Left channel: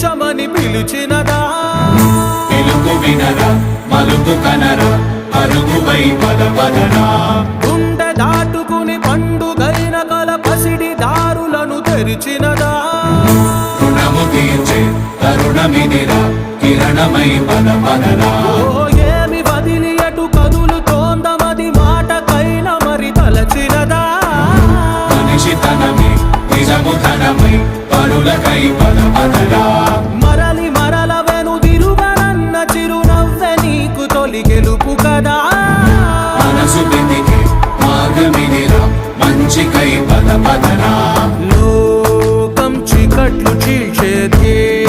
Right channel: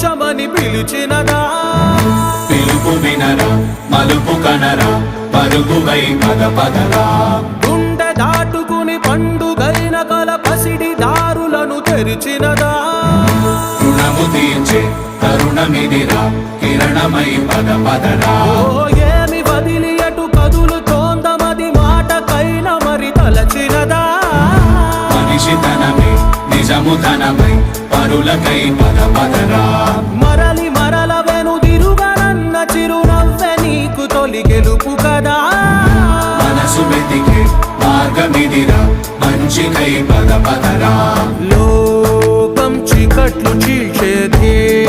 తీర్చమని పిలిచినదా పిలుపు వినరా మలుపు కనరా పరుగువై పద పదరా గుండె దాటుకుని పండుగైన కల పసిడి దారులను తెరిచినదా రుణము తీర్చే తరుణమిదిరా కిరణమై పద పదరా ఓ ఏమి వదిలి అటు కదులుతోందమది మాటకైనా మరి తలచినదా మనిషితనమే నిజముతనమే పరులకై పద పదరా మరలి మరల వెనుదిరుగనన్న చిరునవ్వె నీకు తొలి గెలుపు కదా మనసు వెతికే మార్గమిదిరా మంచికై పద పదరా లోకం చీకట్లు చీల్చే ధ్యేయం